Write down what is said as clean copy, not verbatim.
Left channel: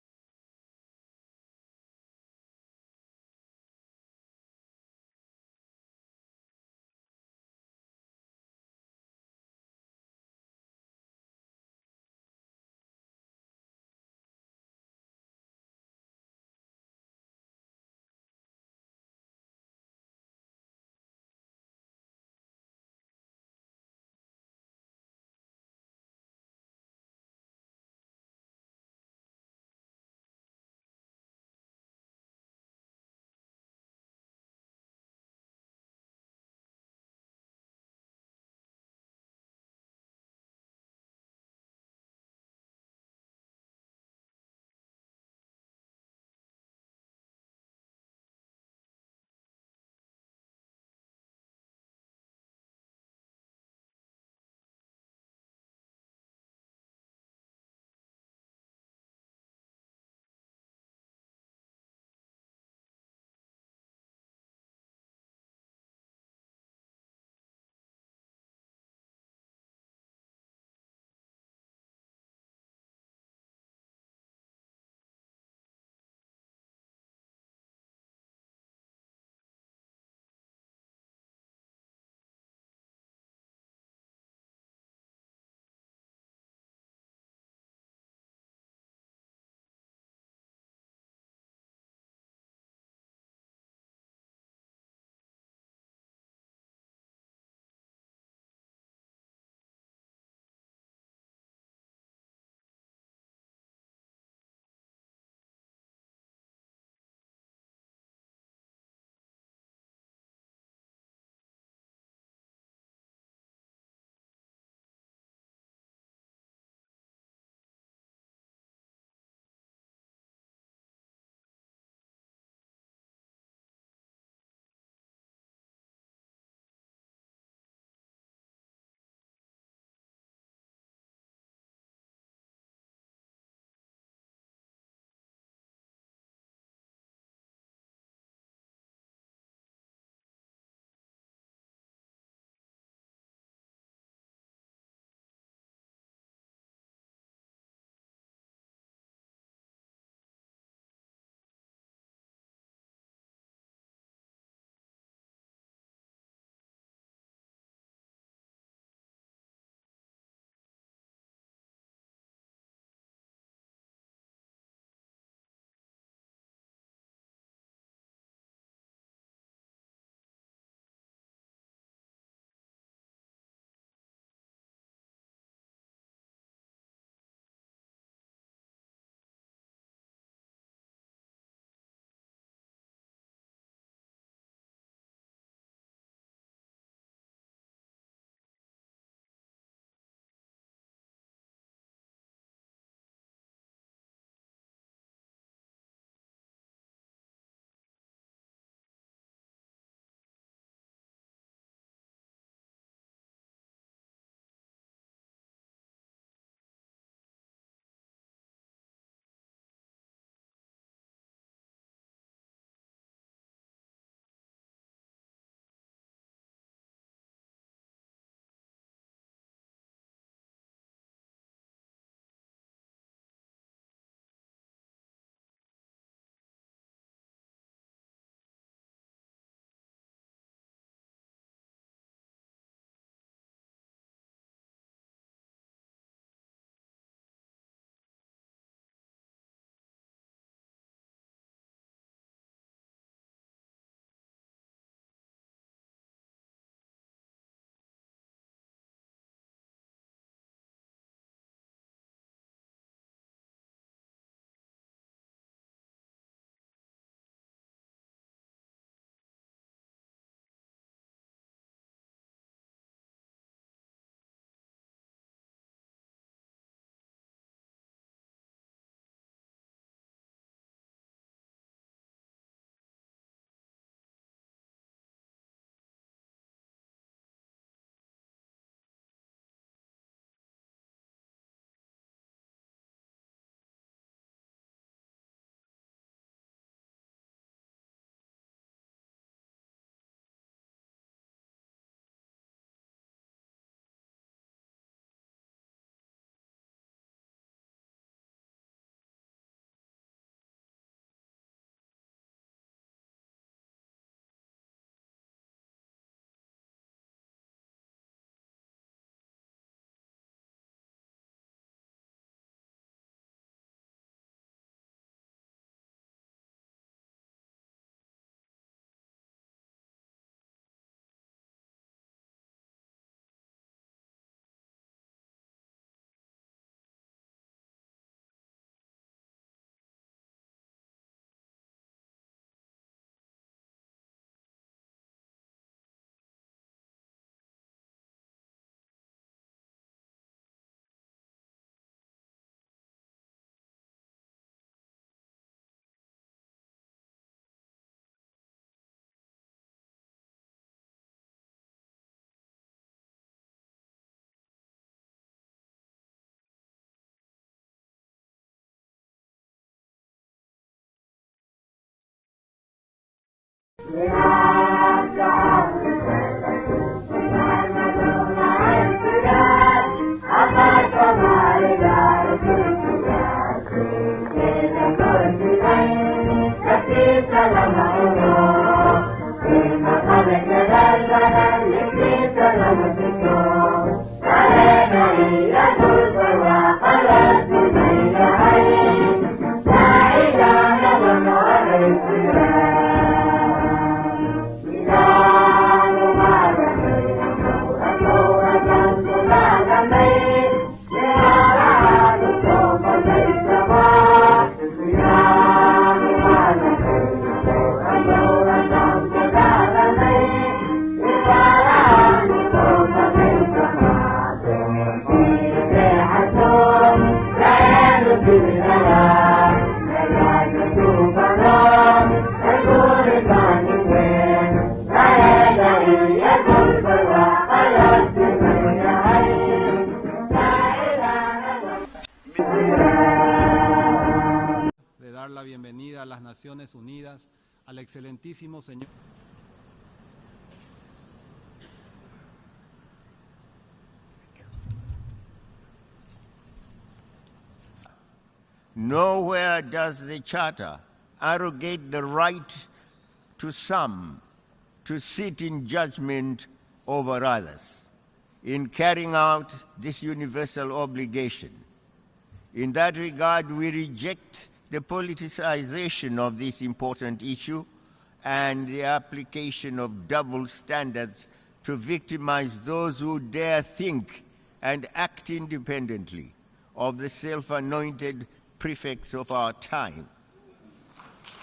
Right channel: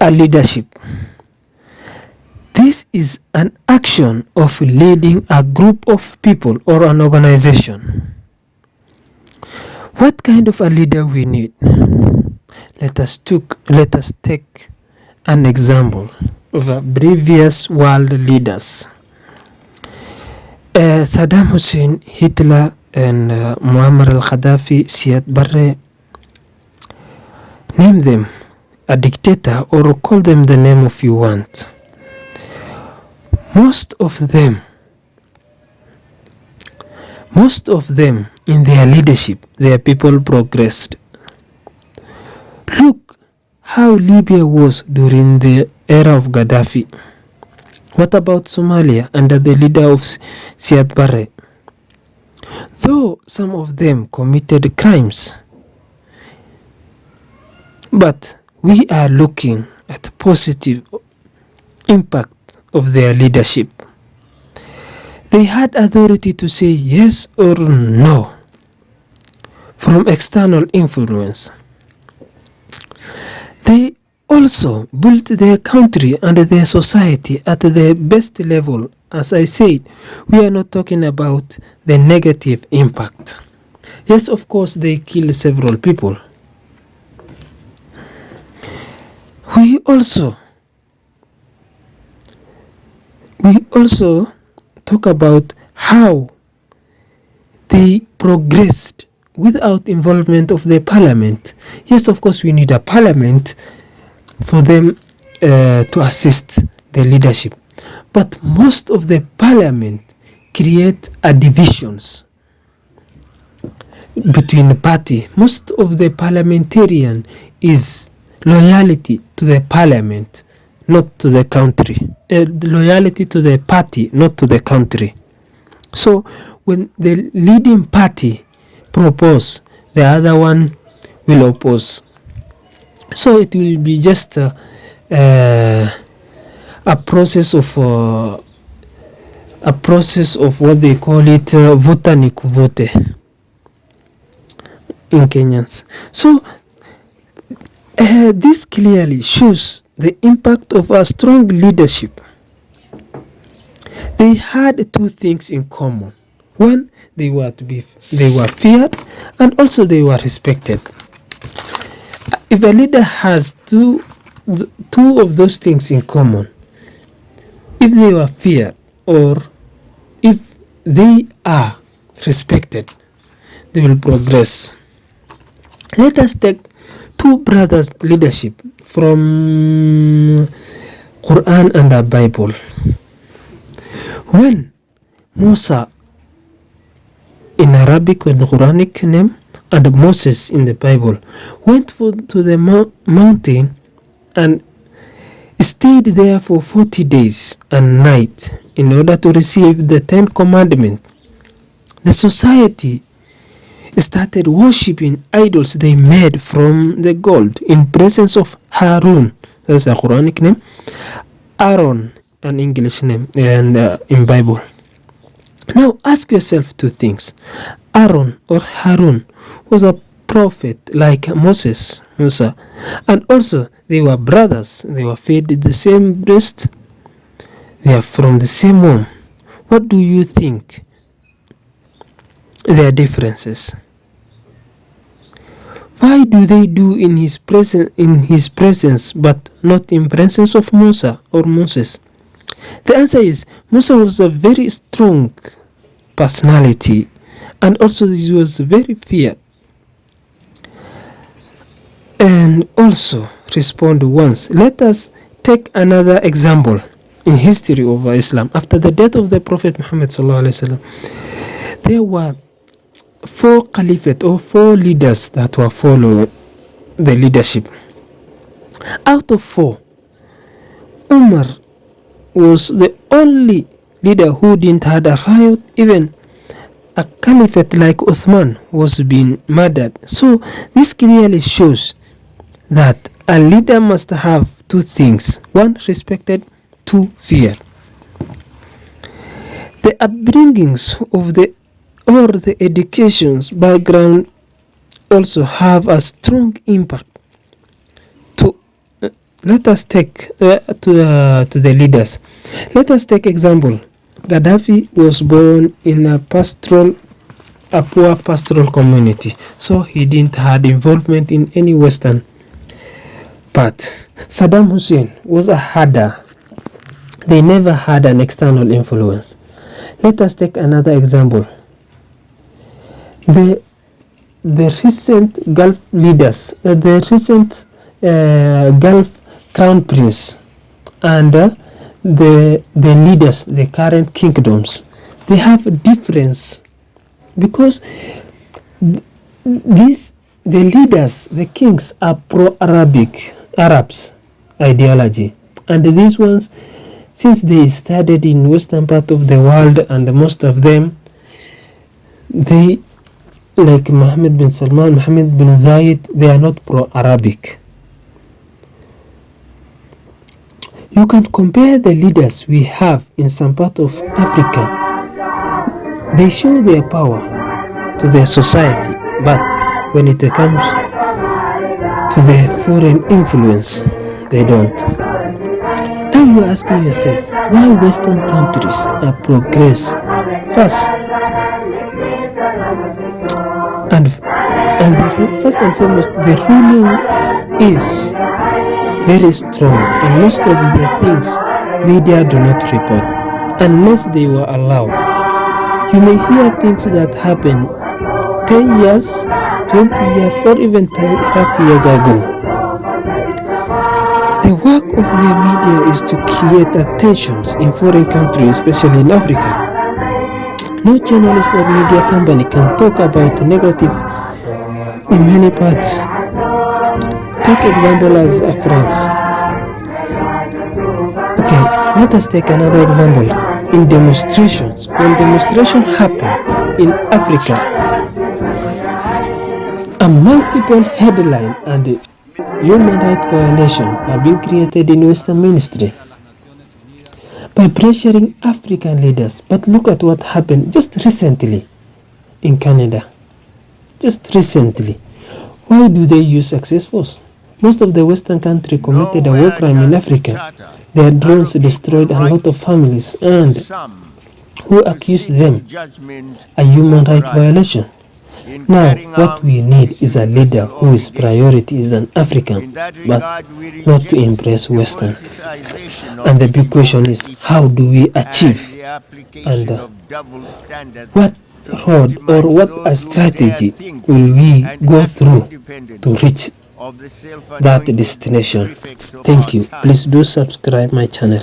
A leadership. This is an action of leading a group of people or an organization. What kind of a leader we need? Let us take an example of previous world leaders. Saddam Hussein, Hitler, and Muammar al-Gaddafi, Siad Barre. Name them a dictator or call them the name of you want. Most of them in their leadership, their people progressed. Look how Libya was during the era of Gaddafi. What about Somalia under the leader of Siad Barre? Though some of them committed crimes, but we are looking at positive impact of their leadership. They had authority to say yes or no from external influence. They also built their country and their society at the best level. As I said, we are not talking about the negative impact. Yes, of course, they killed several people. We also talk about how they progressed without involvement of the parliament. Yes, of course, we need a parliament for them to assist the leadership. But most of the parliament create a divisions between the party. Most of the parliamentarian is loyalty to the parliament, not to the country. Loyalty to the party, not to the country. So when the leading party propose, the other one will oppose. So it will be just a process of what they call it vote ni kuvote in Kenyans. So this clearly shows the impact of a strong leadership. They had two things in common. One, they were feared, and also they were respected. If a leader has two of those things in common, if they were feared or if they are respected, they will progress. Let us take two brothers' leadership from Quran and the Bible. When Musa in Arabic and Quranic name and Moses in the Bible went to the mountain and stayed there for 40 days and night in order to receive the 10 commandments, the society started worshipping idols they made from the gold in presence of Harun. That's a Quranic name. Aaron, an English name, and in Bible. Now ask yourself two things. Aaron or Harun was a prophet like Musa, and also they were brothers. They were fed the same breast. They are from the same womb. What do you think their differences? Why do they do in his presence but not in presence of Musa or Moses? The answer is Musa was a very strong personality, and also he was very feared. And also respond once. Let us take another example in history of Islam. After the death of the Prophet Muhammad sallallahu alaihi wasallam, there were 4 caliphate or 4 leaders that were following the leadership. Out of 4, Umar was the only leader who didn't have a riot. Even a caliphate like Uthman was being murdered. So this clearly shows that a leader must have 2 things. 1, respected, 2, feared. The upbringings of the education's background also have a strong impact to let us take to the leaders. Let us take example. Gaddafi was born in a poor pastoral community, so he didn't have involvement in any Western. But Saddam Hussein was a herder. They never had an external influence. Let us take another example. The recent Gulf leaders, the recent Gulf crown prince, and the leaders, the current kingdoms, they have a difference, because the leaders, the kings, are Arabs ideology, and these ones, since they studied in western part of the world, and most of them, they, like Mohammed bin Salman, Mohammed bin Zayed, they are not pro-Arabic. You can compare the leaders we have in some part of Africa. They show their power to their society, but when it comes to the foreign influence, they don't. And you're asking yourself, why Western countries are progress fast? And first and foremost, the ruling is very strong, and most of the things media do not report unless they were allowed. You may hear things that happen 10 years, 20 years, or even 30 years ago. The work of the media is to create attentions in foreign countries, especially in Africa. No journalist or media company can talk about negative in many parts. Take example as France. Okay, let us take another example. In demonstrations, when demonstrations happen in Africa, a multiple headline and human rights violation are being created in Western ministry by pressuring African leaders. But look at what happened just recently in Canada. Just recently. Why do they use success force? Most of the Western countries committed a war crime in Africa. Their drones destroyed a lot of families, and who accused them a human rights violation? Now, what we need is a leader whose priority is an African, but not to impress Western. And the big question is, how do we achieve? And what road or what a strategy will we go through to reach that destination? Thank you. Please do subscribe my channel.